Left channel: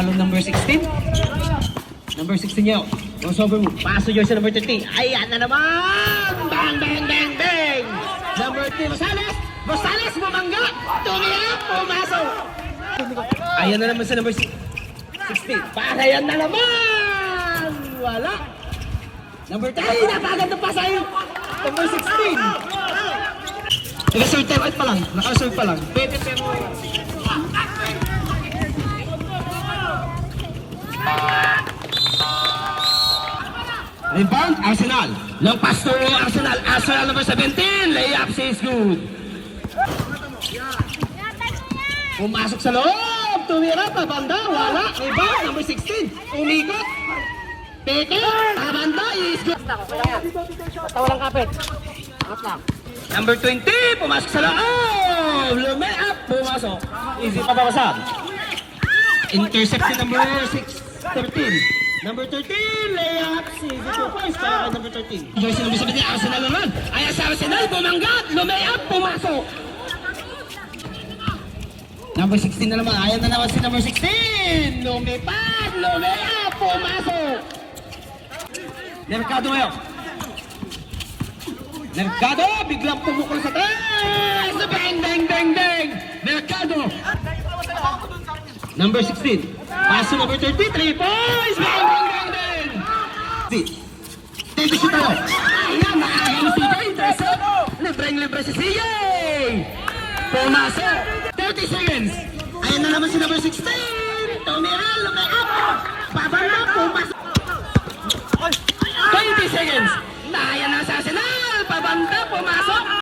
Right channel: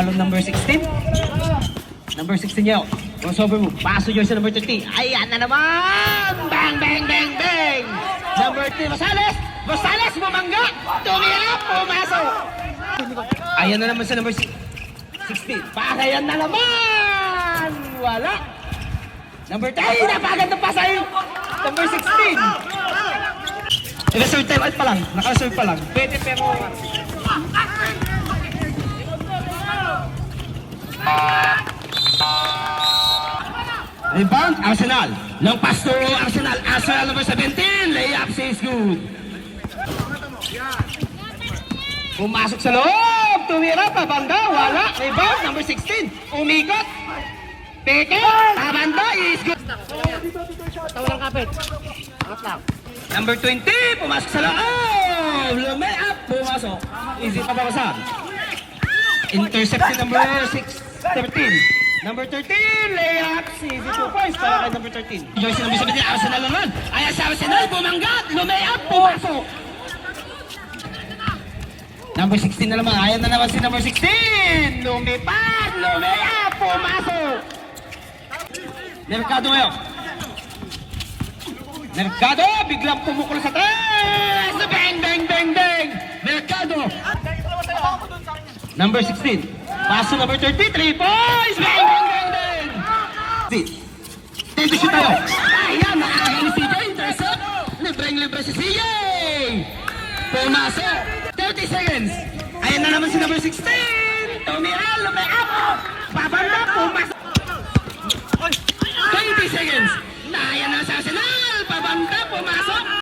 follow number 16. Number 16 niyo. Crossover move. Paso dyan sa number 13. Ayan na naman! Bang, bang, bang, bang! Number 3, Rosales! Rosales, bumangga! Tumilip, pumasok! Ayan na naman sa number 16. Para yan na naman! Wala! Number 10, napaganda pa sa'yo! Number 16! Naka-serve time out pa lang. Naka-serve pa lang. Pwede pero... Rebound, Arsenal. Long pass to Arsenal. Arsenal number 17. Layup says good. Pumasok sa loob. Tumira pa banda. Wala. Rebound number 16. Umikot. Peke. Pabanda is good. Basta walang kapit. Angat lang. Number 20. Pumasok sa loob. Layup. Pumasok. Easy pa bawasan. Intercepted number 13. Number 13, layup, easy 2 points para kay number 13. Jersey number 17, Arsenal naman. Ayan sa Arsenal, bumanggat, lumayap, pumasok. Number 16 na naman, ayan na naman si number 16. Lumipad, lumayap, pumasok. Mercado ngayon. Mercado, biglang pumukul sa taas. Bang, bang, bang, bang. Mercado. Number 16. Paso number 33 points! Bang, bang, bang, bang! Tibisi tayo. Ayan, nakakagano si Bay. Intercept. Libreng-libre si CJ. Pumasok. 30 seconds. Ayan na naman si number 16. Tumial, lumay-up. Babanda, pumasok. 20 seconds. Ayan na sa Arsenal. Pabanda, pumasok.